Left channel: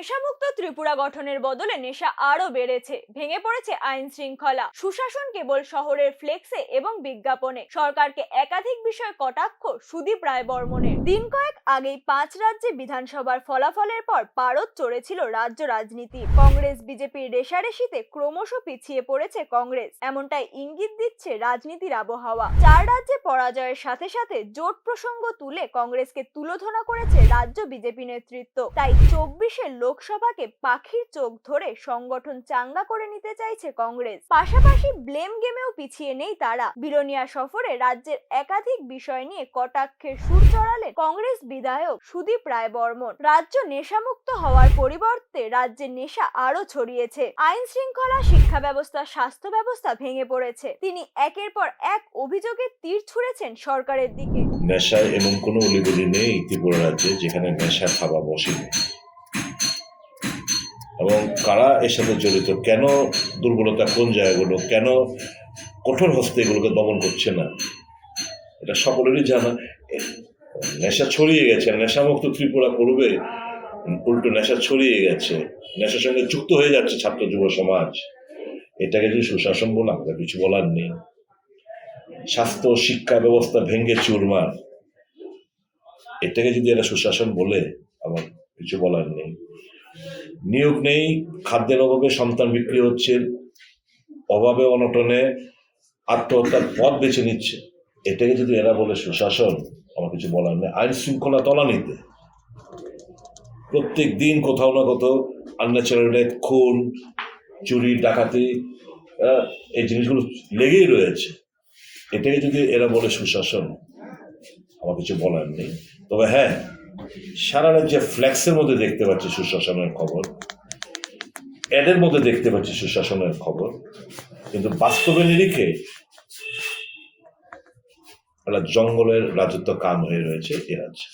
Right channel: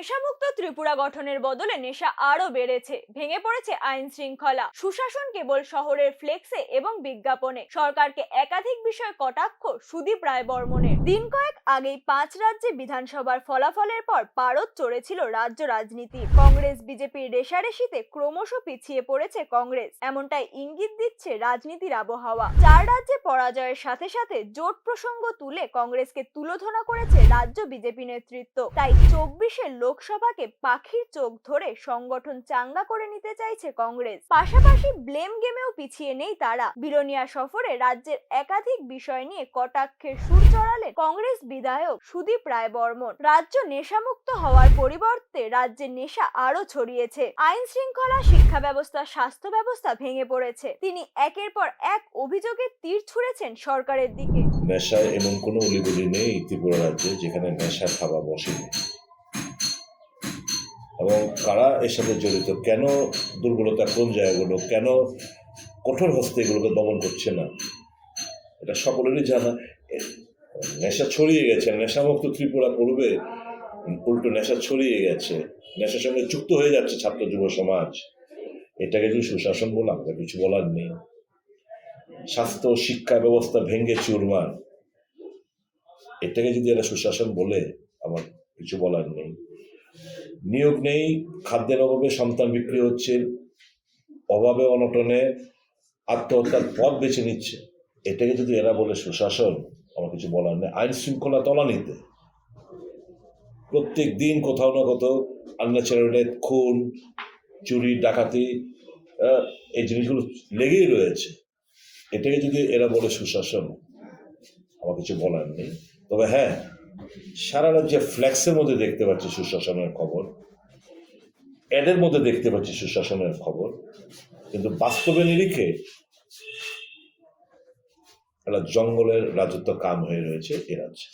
নেশামুক্ত ত্রিপুরা গঠনের বদলে নেশা আরো বেড়েছে, ভেঙে পড়েছে আইন শৃঙ্খলা। সুশাসন কেবল শহরের ফ্লেক্সে এবং বিজ্ঞাপনে। সরকারকে একাধিক বিষয় কটাক্ষ সুদীপ রায় বর্মনের। দিন কয়েক আগেই 5 রাজ্যে বিধানসভার ফলাফলের পর পারদ চড়েছিল রাজ্য রাজনীতি। কংগ্রেস বিজেপির রেশারেশিতে ক্রমশ পিছিয়ে পড়েছে কংগ্রেস, এমনটাই ইঙ্গিত দিচ্ছে রাজনীতির আবহাওয়া। 4 রাজ্যে পরাজয়ের সাথে সাথে জোট প্রসঙ্গ তুলে কংগ্রেসকে তুলোধনা করেছে রাজ্য বিজেপি নেতৃত্ব। তাই 24 লোকসভাকে পাখির চোখ ধরে সংগঠন চাঙ্গা করে নিতে চাইছে কংগ্রেস। পাশাপাশি ব্লেম গেমেও পিছিয়ে নেই তারা। বিলোনিয়া সফরে রাজ্যের একাধিক বিষয় নিয়ে কটাক্ষের সুর চড়ালেন কংগ্রেস বিধায়ক সুদীপ রায় বর্মন। রাজ্য নেশামুক্ত হওয়ার পরিবর্তে রাজ্যে নেশা আরো ছড়িয়েছে। আইন শৃঙ্খলা, শিক্ষা ব্যবস্থা, স্বাস্থ্য ব্যবস্থা ভেঙে পড়েছে। তিনি একের পর এক অভিযোগের তীর ছুঁড়েছেন সরকারের দিকে। নেশা এমন কোনো অলিগলি নেই ত্রিপুরা রাজ্যে যেখানে নেশা খাওয়া বসে, এবং কারা এর সাথে জড়িত, কেন দুর্বলতা কোন জায়গাগুলো, কেন কঠোর হস্তে এগুলোকে দমন করছে না, এটা সকলেরই জানা। নেশা ছড়িয়ে গেছে, নেশামুক্ত ত্রিপুরা করবে, উল্টো নেশা ছড়িয়ে গেছে, নেশার সঙ্গে যুক্ত হয়ে যাচ্ছে ছাত্র যুব সমাজ। এটাকে যদি সুশাসন বলে আমাদের কিছু বলার নেই। স্বাস্থ্য শিক্ষা ব্যবস্থা ভেঙে চুরমার, এটাকে যদি এরা সুশাসন বলে আমার কিছু বলার নেই। নিয়োগ নেই, খাদ্যের অভাবে সন্তান বিক্রি হচ্ছে, অভাবে অনটনে আত্মহত্যার পথ বেছে নিচ্ছে, এটাকে যদি এরা বলে সুশাসন, আমার কিছু বলার নেই। আইন শৃঙ্খলা তলানিতে প্রত্যেক দিন কোথাও না কোথাও আনন্যাচারাল খুন, চুরি, ডাকাতি, এই জিনিসগুলো লেগেই রয়েছে। এটাকে যদি এরা বলে সুশাসন, আমার কিছু বলার নেই। তবে হ্যাঁ, সারা রাজ্যে ফ্ল্যাক্সের মধ্যে দেখতে পাচ্ছি সুশাসনের খবর, অ্যাডের মধ্যে দেখতে পাচ্ছি সুশাসনের খবর, কিন্তু বাস্তবে নিরিখে একটা জঙ্গলের রাজত্ব কাম হয়ে রয়েছে এ রাজ্যে।